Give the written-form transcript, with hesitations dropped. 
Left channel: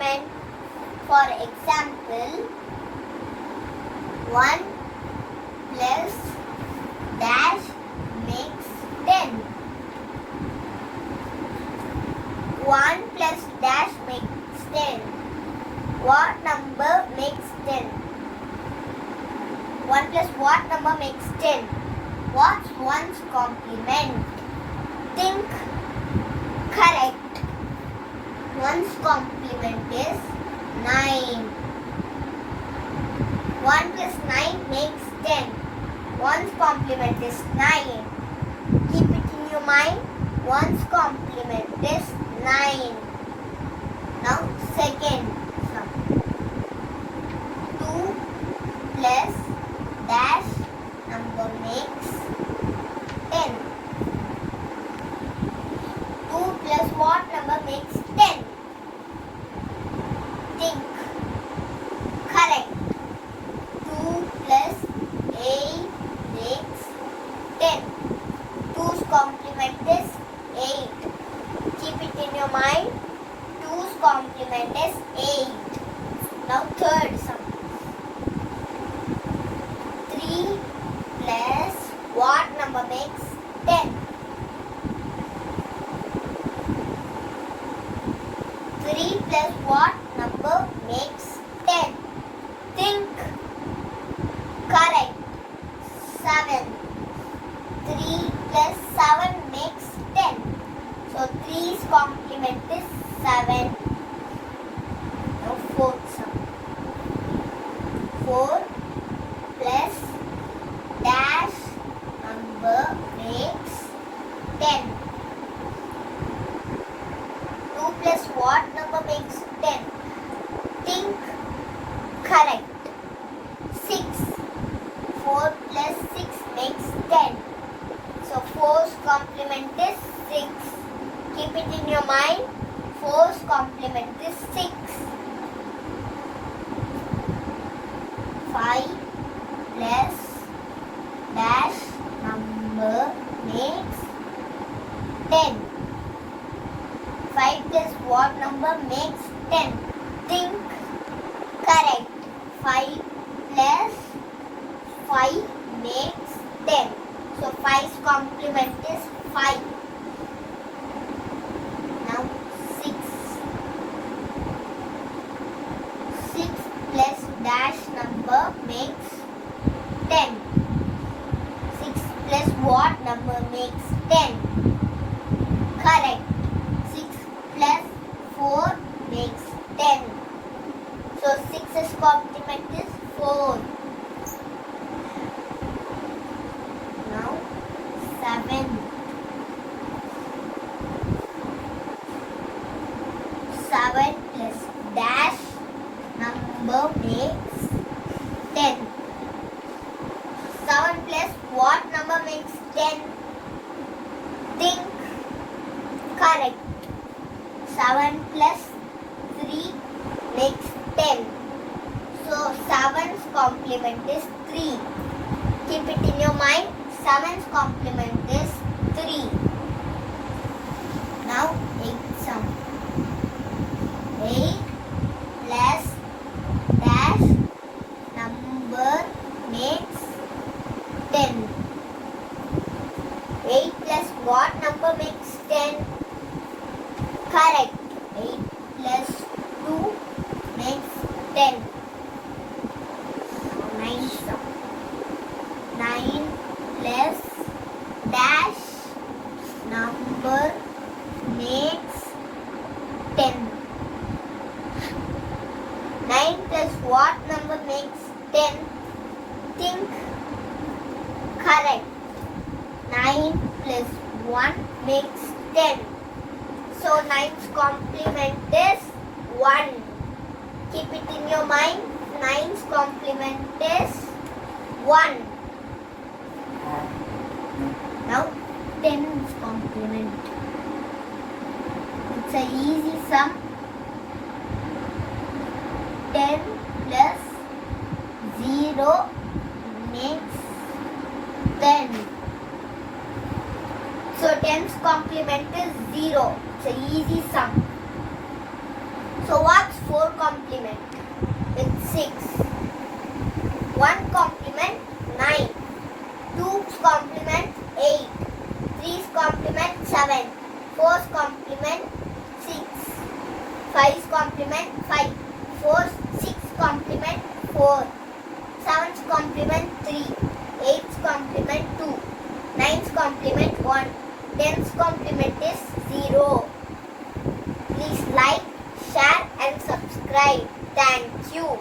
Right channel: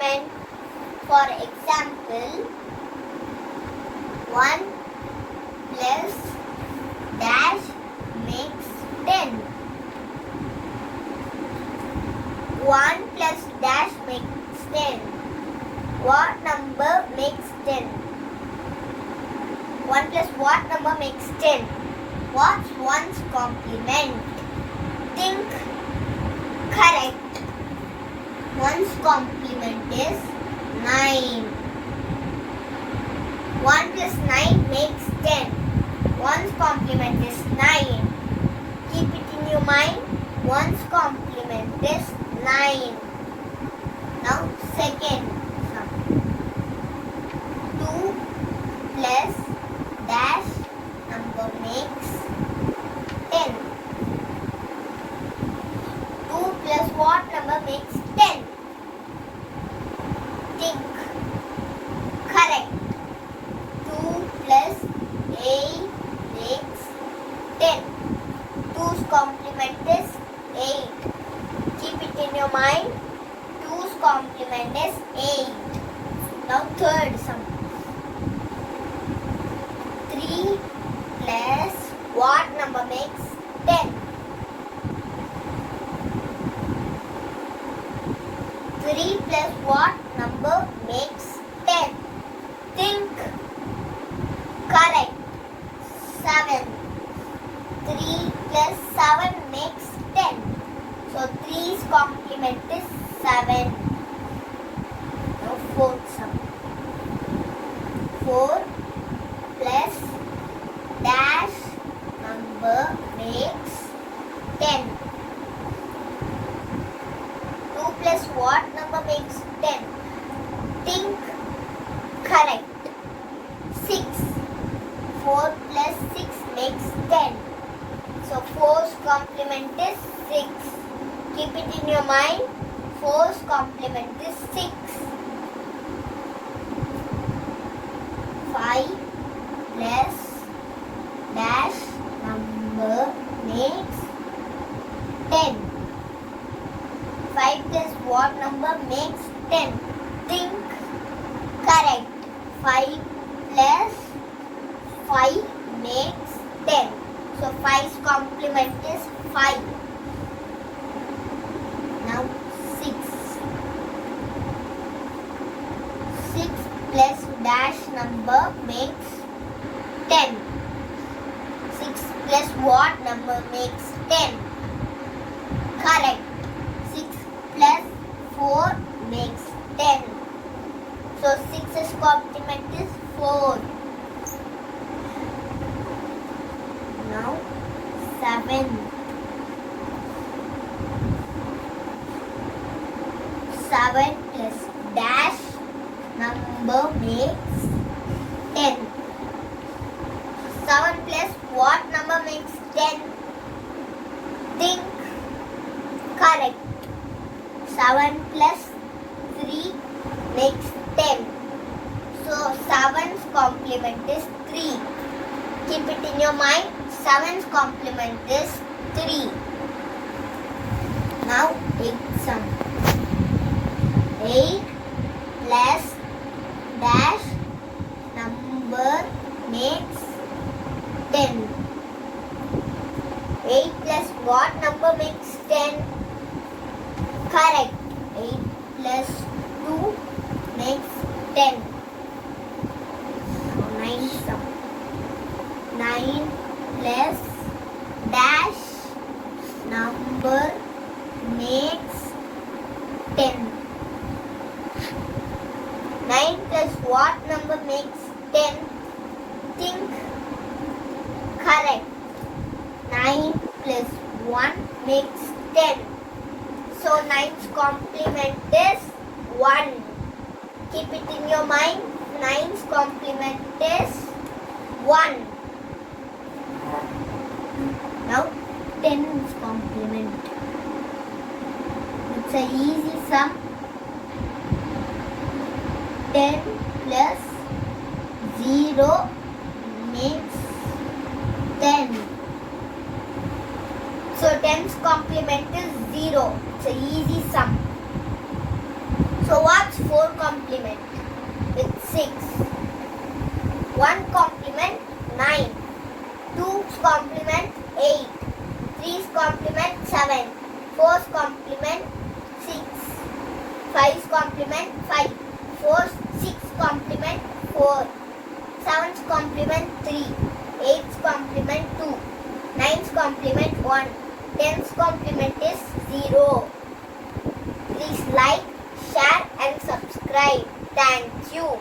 complement. For example, 1 plus dash makes 10. 1 plus dash makes 10. What number makes 10? 1 plus what number makes 10? What's 1's complement? Think. Correct. 1's complement is 9. 1 plus 9 makes 10. 1's complement is 9. Keep it in your mind. 1's complement is 9. Now second sum. 2 plus dash number makes 10. 2 plus what number makes 10? Think. Correct. 2 plus 8 makes 10. 2's complement is 8. Keep it in your mind. 2's complement is 8. Now third sum. 3 plus what number makes 10? 3 plus what number makes 10? Think. Correct. 7. 3 plus 7 makes 10. So 3's complement is 7. Now fourth sum. 4 plus dash number makes 10. 2 plus what number makes 10? Think. Correct. 6. 4 plus 6 makes 10. So 4's complement is 6. Keep it in your mind. 4's complement is 6. 5 plus dash number makes 10. 5 plus what number makes 10? Think. Correct. 5 plus 5 makes 10. So 5's complement is 5. Now 6. 6 plus dash number makes 10. 6 plus what number makes 10? Correct. 6 plus 4 makes 10. So 6's complement is 4. Now 7. 7 plus dash number makes 10. 7 plus what number makes 10? Think. Correct. 7 plus 3 makes 10. So 7's complement is 3. Keep it in your mind. 7's complement is 3. Now 8th sum. 8 plus dash number makes 10. 8 plus what number makes 10? Correct. 8 plus 2 makes 10. So 9th sum. 9 plus dash number makes 10. 9 plus what number makes 10? Think. Correct. 9 plus 1 makes 10. So 9's complement is 1. Keep it in your mind. 9's complement is 1. Now 10's complement. It's an easy sum. 10 plus 0 makes 10. So 10's complement is 0. It's an easy sum. So So what's 4 complement? It's 6. 1 complement 9. 2's complement 8. 3's complement 7. 4's complement 6. 5's complement 5. 6's complement 4. 7's complement 3. 8's complement 2. 9's complement 1. 10's complement is 0. Please like, share and subscribe. Thank you.